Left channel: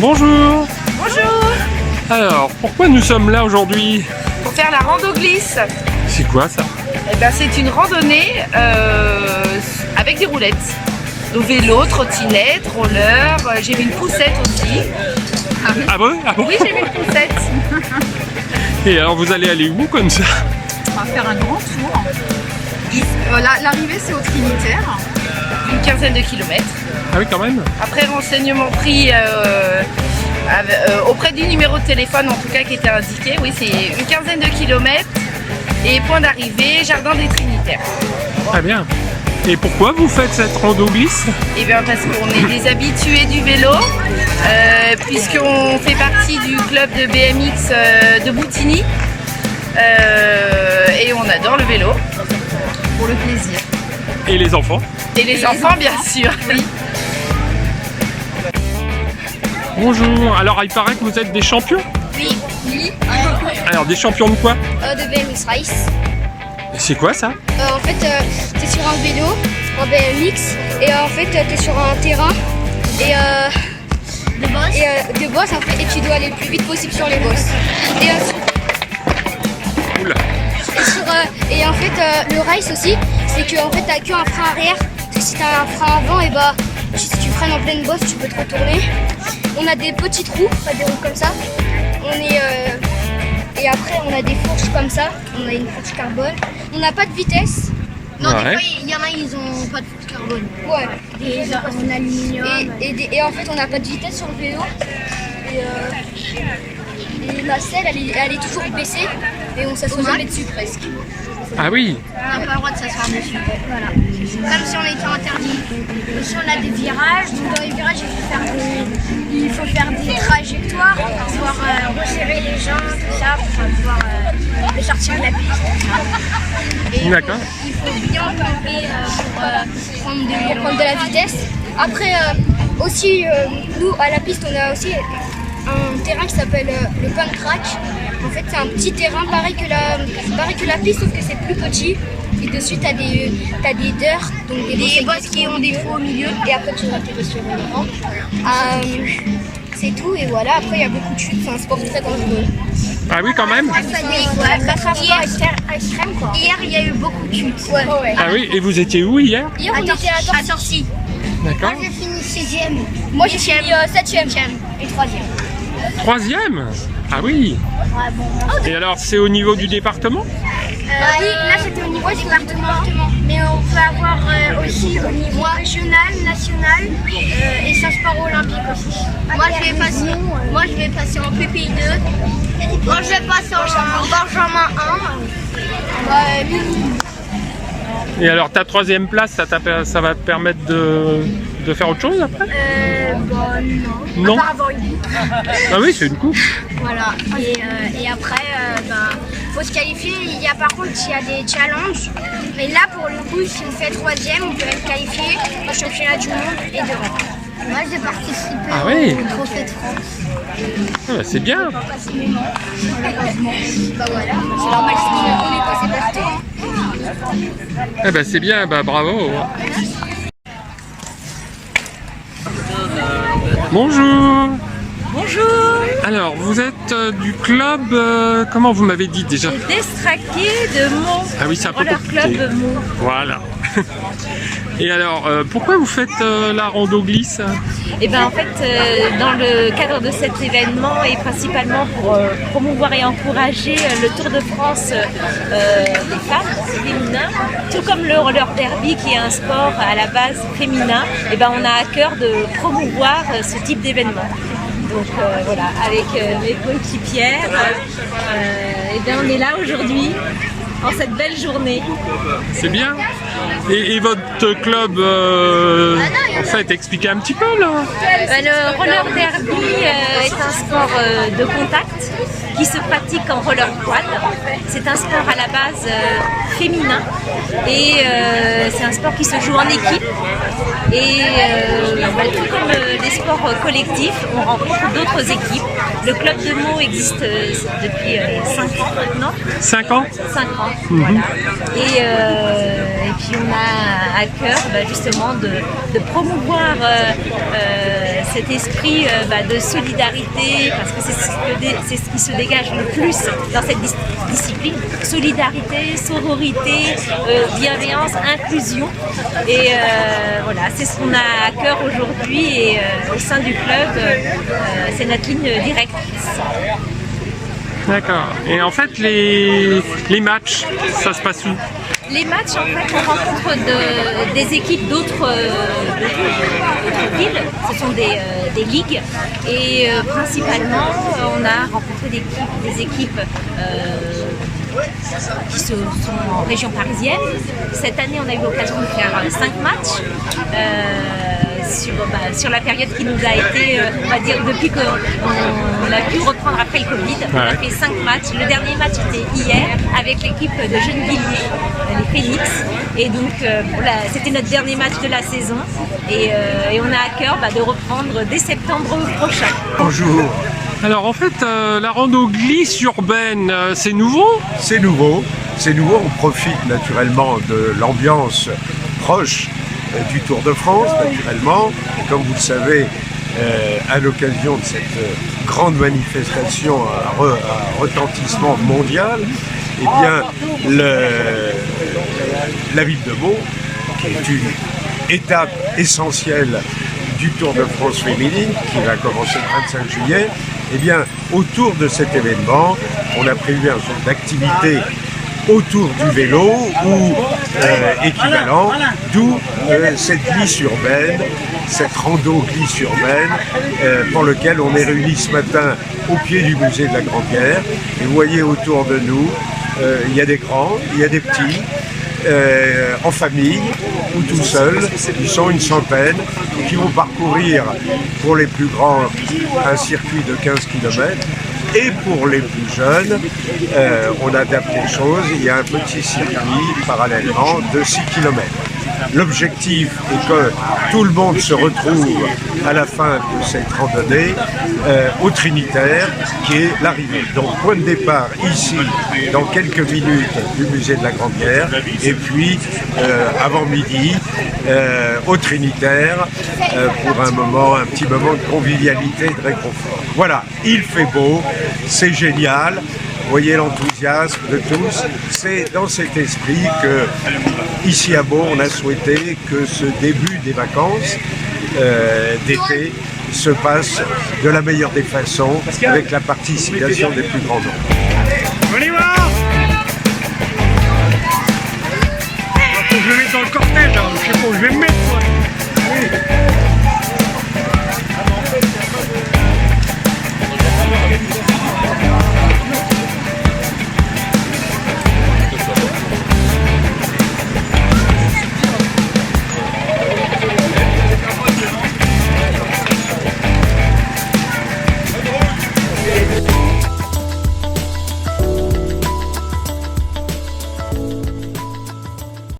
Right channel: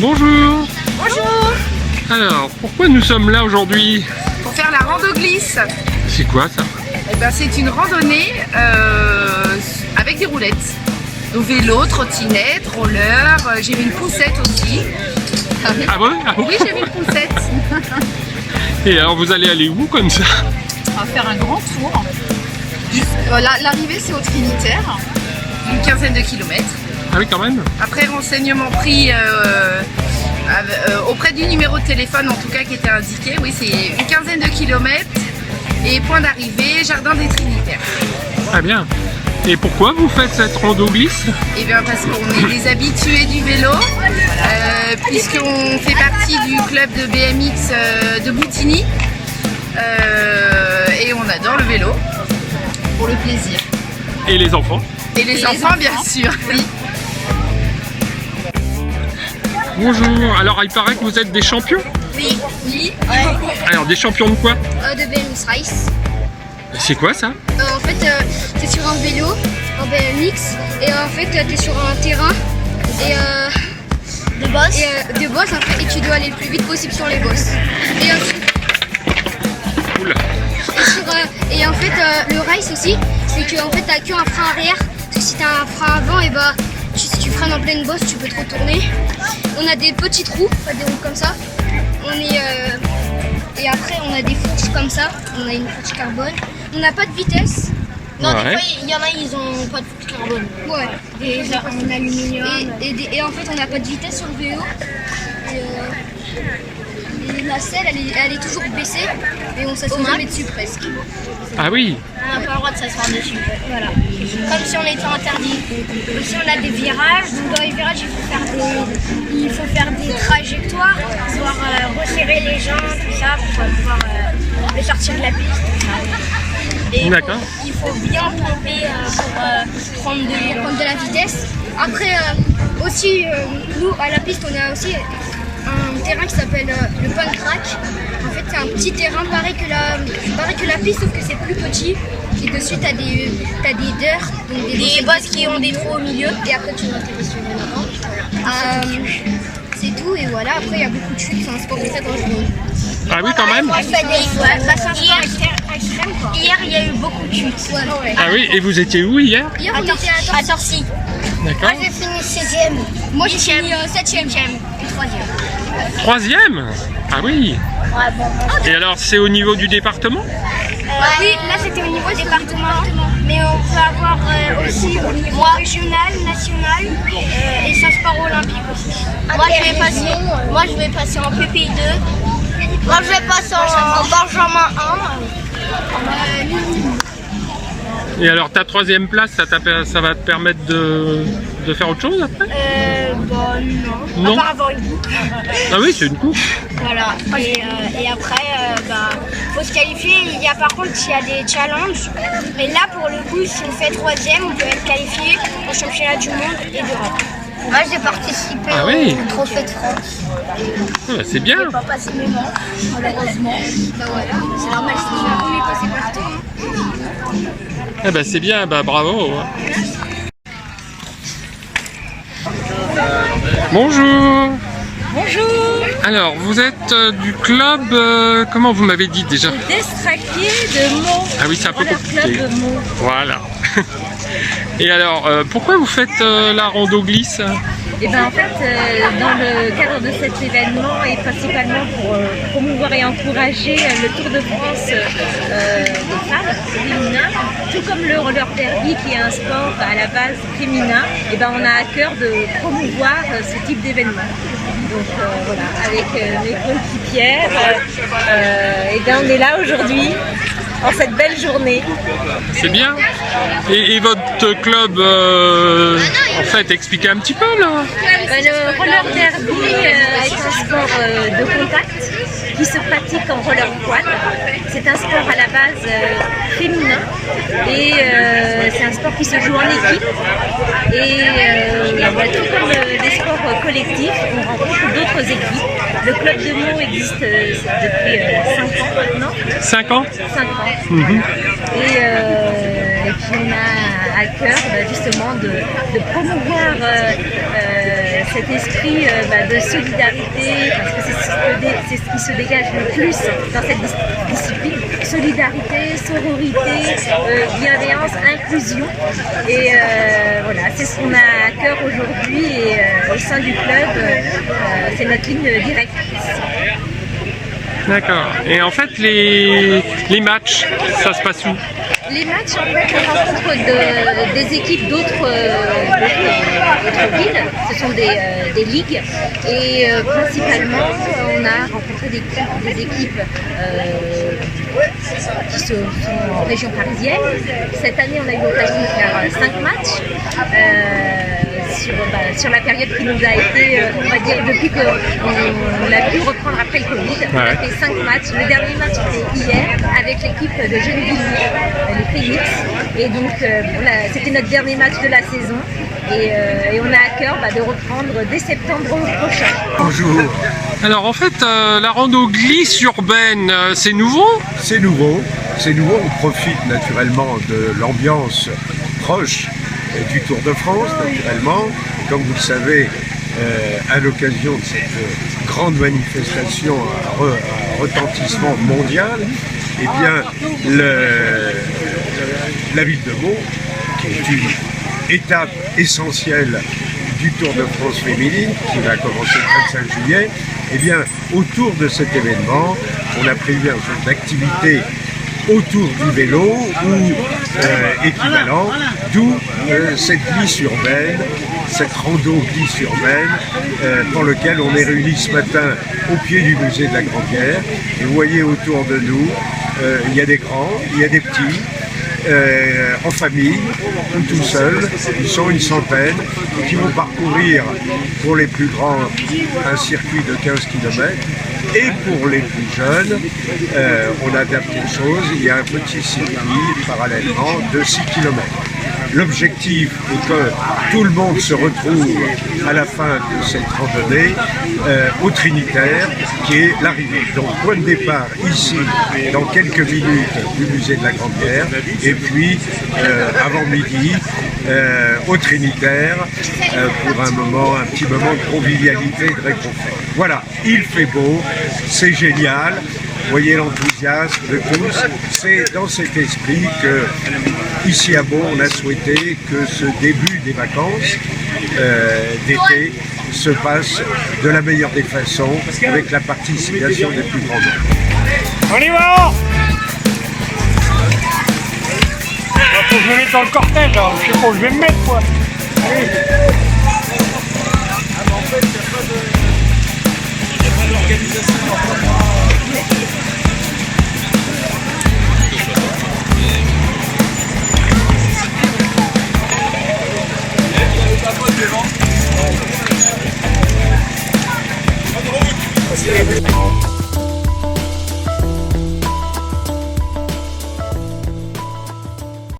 Bonjour. Bonjour. Alors, pourquoi nous sommes là aujourd'hui? Pour faire la rando glisse. C'est quoi ça? Eh ben, c'est une randonnée avec des roulettes. Donc vélo, trottinette, roller, j'ai mis une poussette aussi. Ah bon? Ah bon? Oui, j'ai mis une poussette. Et alors vous allez aller où comme ça? On va faire un grand tour. L'arrivée c'est au Trinitaire, une quinzaine de kilomètres. Ah oui, quand même. Après renseignement pris auprès du numéro de téléphone en tout cas qui était indiqué, oui c'est une quinzaine de kilomètres et point d'arrivée, jardin des Trinitaires. Ah bien. Et pourquoi vous faites cette rando glisse? Eh bien parce qu'on est des habitués du vélo, puisqu'on fait partie du club de BMX de Boutigny et on adore le vélo pour le plaisir. Et les enfants? Et les enfants bien sûr, oui. Bonjour, alors il paraît que vous êtes des champions? Oui. Alors des champions de quoi? De BMX Race. C'est quoi ça? En fait, t'es sur un vélo en BMX et en fait t'es sur un terrain et de boss en fait, et tu dois aller le plus vite possible sur les bosses. Oula. Et en fait le race aussi, c'est que en fait t'as qu'un frein arrière. Parce que si t'as un frein avant, et bah si tu freines en pleine bosse, tu peux te retourner. On a des petites roues, pas des roues comme ça. Et après on a des fourches comme ça. On a une fourche carbone. On n'a pas de vitesse. Non, ouais. Des fois, il y en a, ils ont pas de fourche carbone. Ouais. Des en aluminium. Et en fait, on n'a pas de vitesse sur le vélo. Et la selle, elle est toujours baissée. Et on s'assoit jamais dessus presque. Ah oui. On n'a pas le droit de s'asseoir dessus. Voilà. Comme si on était interdit. Aussi, on a des virages. Donc, dans les virages, il faut faire des trajectoires, pouvoir resserrer les gens, tout ça, pour pouvoir les sortir de la piste, tout ça. D'accord. Il faut bien pomper pour prendre de la vitesse. Après, aussi, nous, à la piste, on a aussi un terrain qui s'appelle le Punk Track. En fait, c'est un petit terrain pareil que la piste, sauf que c'est plus petit. Et dessus, t'as des dirt, donc des bosses qui ont des trous au milieu. Et après, tu vas t'aider sur une rampe. C'est tout, et voilà. Après, il y a beaucoup de chutes, c'est un sport très dangereux. Ah oui, quand même. Hier, il y a eu beaucoup de chutes. Ouais. Ah oui, et vous étiez où hier? Hier, on était à Torcy. D'accord. Moi, j'ai fini 16e. Moi, j'ai fini 7e et 3e. 3e? Ah oui. Ouais, bon. Et alors, c'est au niveau du département? Oui, là c'était au niveau département, mais on peut avoir aussi au niveau régional, national et ça se part olympique aussi. Moi je vais passer en PP2. Moi je vais passer en Benjamin 1. Et alors, ta 3e place, ça va te permettre de faire autre chose après? Non. Non. À part avoir une coupe. Ah oui, c'est une coupe. Voilà. Et après, faut se qualifier. Par contre, il y a des challenges. Mais là, pour le coup, si on fait 3e, on peut être qualifié au championnat du monde et d'Europe. Moi, j'ai participé au Trophée de France. Ah bah, c'est bien. Pas passé mes manches, malheureusement. Voilà, c'est normal, on est passé partout. Ah bah c'est bien, bah bravo. Bonjour. Bonjour, Alors, vous êtes du club, comment vous m'avez dit déjà? Destraqué de Meaux. Ah oui, c'est un peu Roller compliqué. Club de Meaux. Voilà. Et alors, pourquoi vous faites la rando glisse? Et ben en fait, dans le cadre de cet événement et principalement pour promouvoir et encourager le Tour de France des femmes féminin, tout comme le roller derby qui est un sport à la base féminin, et ben on a à cœur de promouvoir ce type d'événement. Donc voilà, avec mes coéquipières, et ben on est là aujourd'hui en cette belle journée. C'est bien. Et votre club, en fait, expliquez un petit peu là. Le roller derby est un sport de contact qui se pratique en roller quad. C'est un sport à la base féminin et c'est un sport qui se joue en équipe. Et tout comme les sports collectifs, on rencontre d'autres équipes. Le club de Meaux existe depuis 5 ans maintenant. 5 ans? 5 ans, voilà. Et puis on a à cœur justement de promouvoir cet esprit de solidarité, parce que c'est ce qui se dégage le plus dans cette discipline. Solidarité, sororité, bienveillance, inclusion. Et voilà, c'est ce qu'on a à cœur aujourd'hui et au sein du club, c'est notre ligne directrice. D'accord. Et en fait, les matchs, ça se passe où? Les matchs, en fait, on rencontre des équipes d'autres villes. Ce sont des ligues. Et principalement, on a rencontré des équipes qui sont en région parisienne. Cette année, on a eu l'occasion de faire 5 matchs sur la période qui nous a été, on va dire, depuis qu'on a pu reprendre après le Covid. On a fait 5 matchs. Le dernier match était hier avec l'équipe de Gennevilliers, les Phoenix. Et donc, c'était notre dernier match de la saison. Et on a à cœur de reprendre dès septembre prochain. Bonjour. Alors en fait, la rando glisse urbaine, c'est nouveau? C'est nouveau. On profite naturellement de l'ambiance proche du Tour de France, naturellement. Comme vous le savez, à l'occasion de cette grande manifestation à retentissement mondial, eh bien, la ville de Meaux, qui est une étape essentielle du Tour de France féminine, qui va commencer le 25 juillet, eh bien, autour de cet événement, on a prévu un certain nombre d'activités autour du vélo ou équivalent, d'où cette glisse urbaine, cette rando glisse urbaine pour lequel on est réunis ce matin au pied du musée de la Grand-Guerre. Et vous voyez autour de nous, il y a des grands, il y a des petits, en famille ou tout seuls. Ils sont une centaine et qui vont parcourir pour les plus grands un circuit de 15 km. Et pour les plus jeunes, on adapte les choses. Il y a un petit circuit parallèlement de 6 km. L'objectif est que tout le monde se retrouve à la fin de cette randonnée au Trinitaire, qui est l'arrivée. Donc point de départ ici, dans quelques minutes, du musée de la Grand-Guerre, et puis avant midi, au Trinitaire, pour un petit moment de convivialité et de réconfort. Voilà, il fait beau, c'est génial. Vous voyez l'enthousiasme de tous. C'est dans cet esprit que, ici à Meaux, on a souhaité que ce début des vacances d'été se passe de la meilleure des façons, avec la participation des plus grands nombres. On y va! Faut que je me mette dans le cortège, là. Je sais pas où je vais me mettre, quoi. Ah, mais en fait, il n'y a pas de...